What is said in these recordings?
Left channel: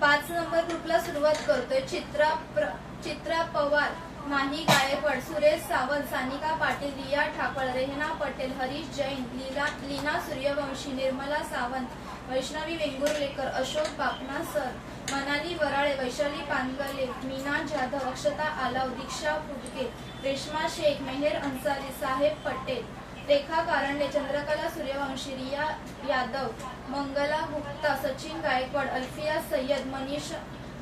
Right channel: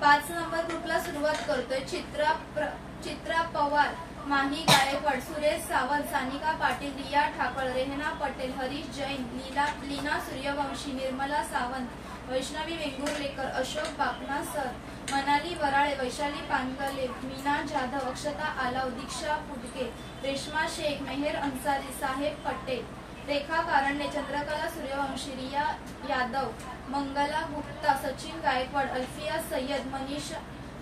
5 number ग्रुपला सुरुवात करतोय। चित्रा पवार, माही गायकवाड, सुरेश सावंत, सानिका पाटील, रिया ठाकळ, रेहना पटेल, हरीश जैन, लीना सूर्यवंशी, निर्मला सावंत, वैष्णवी वेंगुर्लेकर, अशोक बापना सर, मनाली वराळे, वैशाली पानगले, मीना जाधव, अक्षता आलाव, दीक्षा पुडके, रेश्मा शेख, मेहर अन्सारी, साहेब पटेल, रेखा कारंडे, चंद्रकला सूर्यवंशी, रिया यादव, मंगला गुप्ता, सचिन गायकवाड, अल्फिया सय्यद, मनीष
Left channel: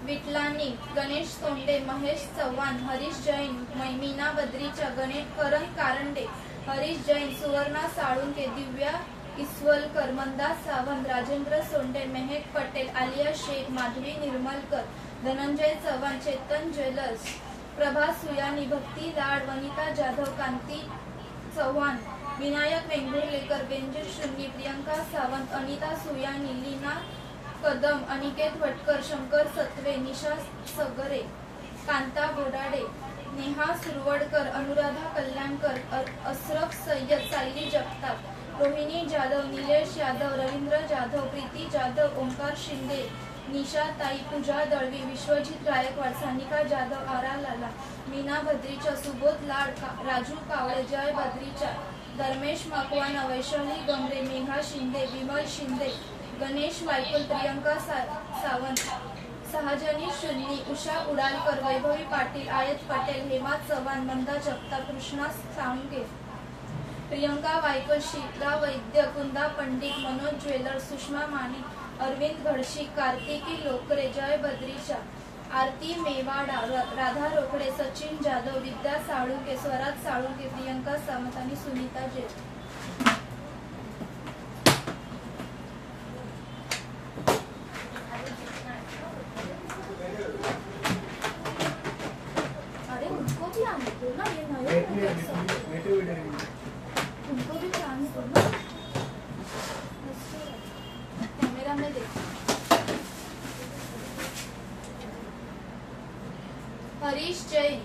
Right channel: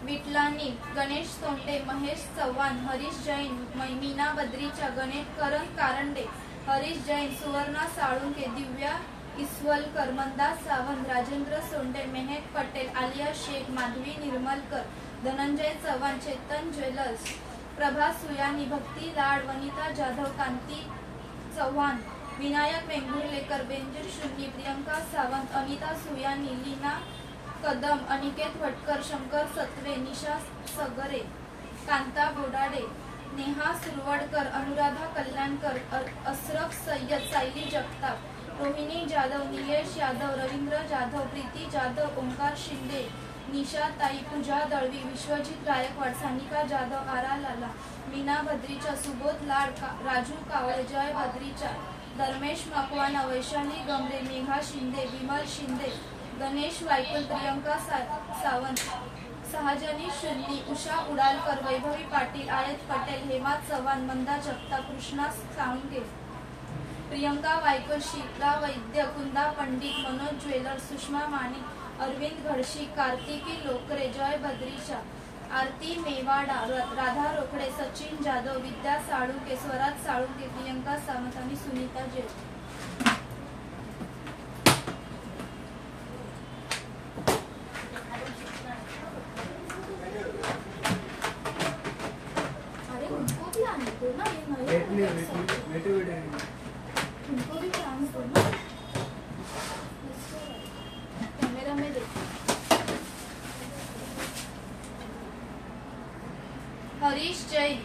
विटलानी, गणेश सोंडे, महेश चव्हाण, हरीश जैन, मीना बद्रीचा, करण कारंडे, हरीश जैन, सुवर्णा साळुंके, दिव्या इसवलकर, मंदा सावंत, राजेंद्र सोंडे, मेहक पटेल, आलिया शेख, माधवी निर्मलकर, धनंजय चव्हाण, चेतन ज्वेलर्स, प्रभा सुयानी, भक्ती लाड, वनिता जाधव, कांती चव्हाण, विनायक वेंगुर्लेकर, बेंजर शून्नी, प्रियंका सावंत, अनिता सुयानी, लीना कदम, अनिकेत भटकर, शंकर सत्वे, निशा सगरे, कांता बोडाडे, नेहा सुरवडकर, अनुराधा कल्याणकर, असरफ सय्यद, सायली जगताप, रोहिणी जाधव, निलेश यादव, रवींद्र जाधव, प्रीती जाधव, ओंकार शिंदे, निशा ताई, पूजा दळवी, विश्वजित गायकवाड, सानिका जाधव, आरा लाला, मीना बद्रीचा, सुबोध लाड, राजू कावळे, जय बद्रीचा, धर्मेश मकवाना, वैशाली गमरे, मेघा शिंदे, विमल शिंदे, गणेश वायकुल, प्रियंका सावंत, सहजनी शून्नी, उषा उडालकर, वैभवी पाटील, आयत पटेल, हेमा चव्हाण, मंदा जगताप, कृष्णा साळुंके, प्रियंका वायकुल, शीला वैद्य, कुंदा पंडित, मनोज ज्वेलर, सुषमा माने, अरविंद घडशी, कार्तिकी लोकरे, जय बद्रीचा, आरती मेवाडा, राधा रोकडे, सचिन जाधव, विद्या साळुंके, स्वराज साळुंके, प्रियंका सावंत आणि सुनीता जे। अरे उनको भी आने दो ना, ये नए उनको भी आने दो ना, कैमरा में देखो। हरीश जैन,